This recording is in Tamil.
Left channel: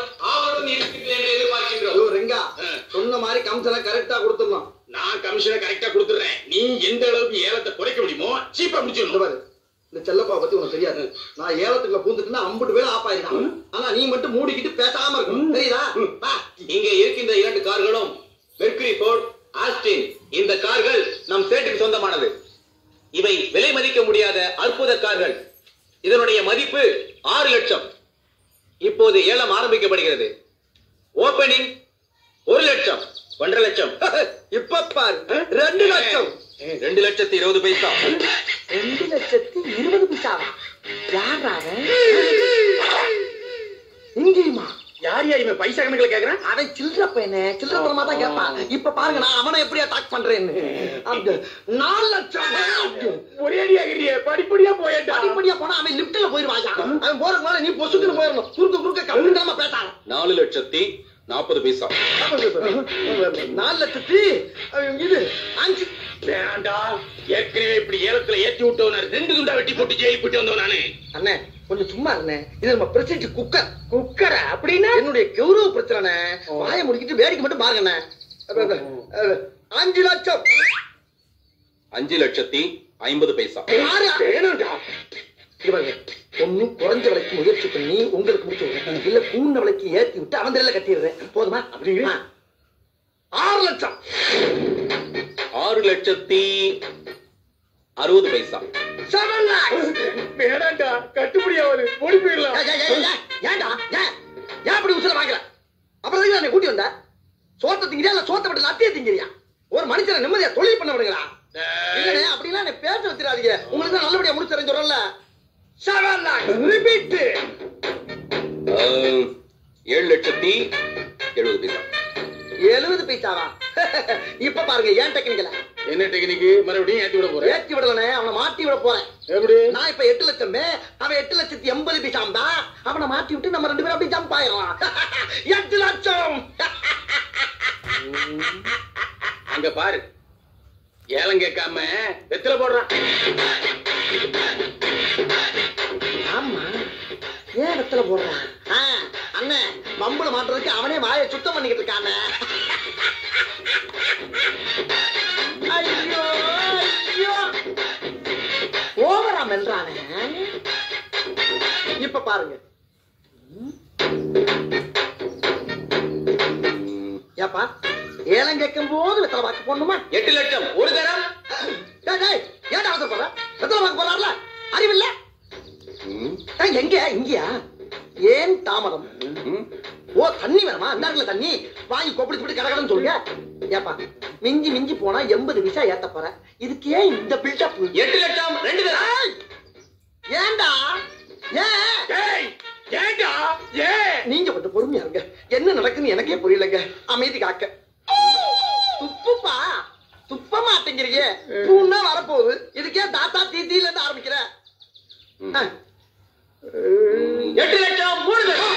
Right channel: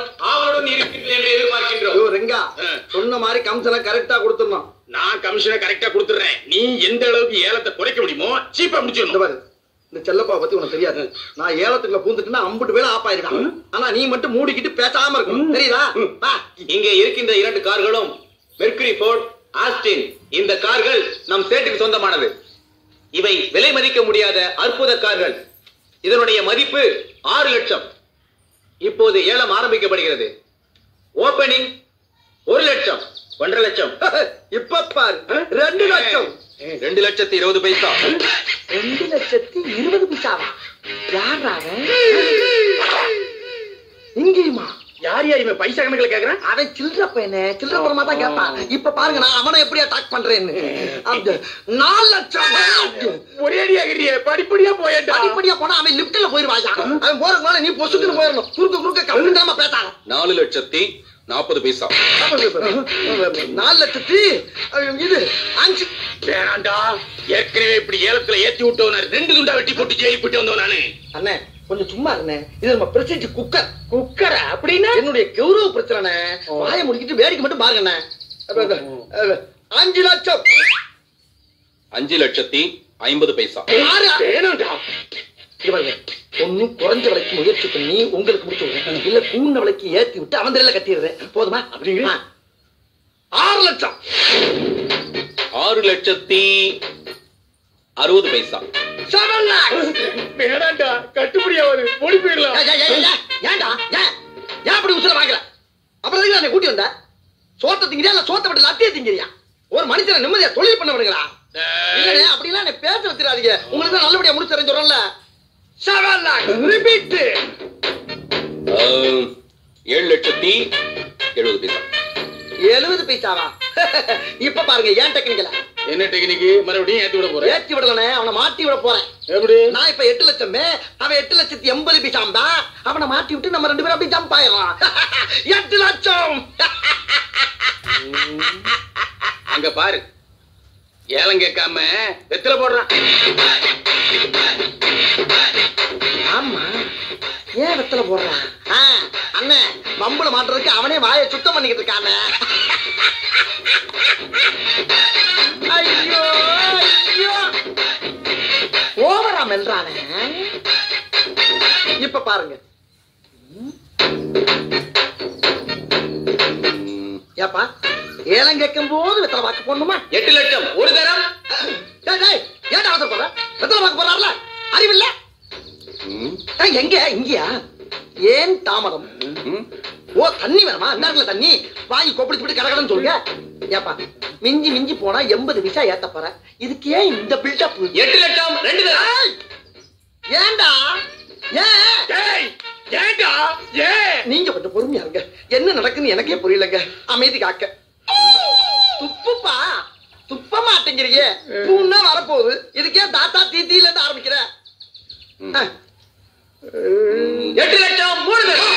ஆவலுடன் இருக்கின்றேன் என்று எதிர்பார்க்கின்றோம். ரெங்கா சொன்ன மாதிரி கமிஷனை கரெக்டா கொடுத்துடணும். நான் கமிஷனை கரெக்டா கொடுத்துறேன். நீ எந்த அளவுக்கு ஏலத்தை குறைக்க முடியுமோ சீப்பா முடிச்சிடணும். இந்த செல்லப்பா பத்தி உனக்கு தெரியாது. நான் ஏலத்துக்குள்ள பூந்துட்டுனா 50 பேர் ஆப் ஆயிருக்கான். ஆனா நீ மட்டும் மூடிக்கிட்டு பேசாம இருக்கணும். தெரியுதா? இங்க இருக்கின்ற 2 கார்களும் மெர்க்குரி ஃபோர்ட், ஆஸ்டின். இந்த கார்கள் நம் சேட்டுக்கு சொந்தமானது. இவை விலை மதிக்க முடியாத அற்புத கார்கள். இதனுடைய மதிப்பு 6 லட்சம். இப்போது ஏலம் ஆரம்பிக்கப்படுகிறது. ஓபனிங் 1 லட்சம், 1.5 லட்சம். இப்ப பாரு 2 லட்சம். 2,20,000 பைசா. 2,20,000 பைசாவா? யாரா இங்கேயுமா? யார் யார் இவன் பைசா கணக்குல கேக்குறான்? அவன் சில்லற பையனே, சில்லற பரமா தான் கேட்பான். இப்ப பாருங்க நான் அவனை எப்படி அட்டாக் பண்றேன்னு. 4 லட்சம். ஒரேடியா கிரியே படிப்படியா போயடா. படிப்படியா போனா அவன் லிப்ட்ல போயிடுவாயா. அவன் போறதுக்கு முன்னால நீ பொசுக்குன்னு போயிரணும். குறுக்க கம்மிட்டாம பேசாத. 4,40,000 பைசா. 4,00,000 இது 5 வேண்டாண்டா. ஏற்கனவே இப்படி ஏலத்துல ஏத்தி விட்டவன 2 துண்டா வெட்டி போட்டு ஜெயில போட்டு வந்தவன் நானு. அண்ணே கொஞ்சம் சும்மா இருந்தே. இது நம்ம பிரசிடென்ட் குக்கர். குக்கர அப்படின்னா என்னுடைய கௌரவ பிரச்சனை. வாயை முடிக்கிட்டு வேடிக்கை மட்டும் பாருங்க. 5 லட்சம். 5,50,000 பைசா. வேணாண்டா. ஒண்ணு குறைஞ்ச விலைக்கு முயற்சி பண்ணி உங்களுக்கு முடிச்சு விடுறேன். இல்ல கூண்ண விலைக்கு ஏத்தி விட்டு அவன் தலையில கட்டிடுறேன். போதுமா? அப்படிங்கிற 6 லட்சம். 6,60,000 பைசா. 7 lakhs. வேணாண்டா. கட்டுப்படியாவது ஓடி போயிடலாம். ஏன்டா ஏன் அப்படி உசுர வாங்குற? அப்புறம் எதுக்கு நான் கூட்டி வந்த? சோத்த திங்கிறியா இல்ல சோத்த விட்டு லத்திய திங்கிறியா? ஒரு மனுஷனை நிம்மதியா தொழில் பண்ண விடுங்களா? இல்லனே அப்படிலாம் என்ன பேச வச்சிராதீங்க. உங்களுக்கு தான் நல்லபடியா முடிச்சு தரேன்னு சொல்றேன்ல. 7 lakhs. ரிப்பீட். 7,70,000 பைசா. 70 பைசாவா? இப்ப பாருங்க ஏன் டெக்னிக்கல. என்ன டெக்னிக்? மறுபடியும் ஏத்தி விட போறேன். ஏத்தி விடலனே, அவனை மாட்டி விட போறேன். எப்படி? நான் இப்ப 8 லட்சம், அவன் 8,80,000 பைசாம்பா. அவனை மாட்டி விட்டு நம்ம 2 பேரும் அப்படி ஜம்ப் ஆயிரலாம். 8 லட்சம். அங்க பாரு, ஏலம் கேட்காம வெத்தல போடுறான். ஆமா, ஏன் வெத்தல போடுறான்? அண்ணன் வம்புல மாட்டுறதுக்கு அவனே வாயை சுத்தம் பண்ணிக்கிட்டு இருக்கானே. ஐயோ ஐயோ, ஓவரா மெல்றானே. இப்ப பாருங்க. ஏப்பா ஏலம் கேட்கும் போது வெத்தலை வாக்கு போடணுமா? 8 லட்சம் ஒரு தரம். ஏன்டா அவசர போற? வெத்தலை வாக்கு போறாருல, அறிவில்ல? எங்க இங்கயா? ஏன் தாமதம்? ஓ தண்ணி வேணுமா? இந்த தண்ணி வாங்கி கொப்பளிச்சு கடகடன்னு சொல்லுங்க. ஏப்பா மிஞ்சி மிஞ்சி போனா 80 பைசா ஏத்த போற. இதுக்கு ஏன் இந்த பில்டப்? 8 லட்சம் 2 தரம். ஏன்டா ஏண்டா நீங்க கொஞ்சம் பொறுமையா இருங்க. என்ன நடக்குன்னு எனக்கே புரியலங்க. அமைதி காக்க. துப்புப்பா துப்ப மாட்டேங்கிறீங்க. பூன்னா வரப்போகுது. இதுக்கே தாத்தா தீத்தில இருந்து ஆரம்பிக்கிற. 8 லட்சம் 3 தரம்.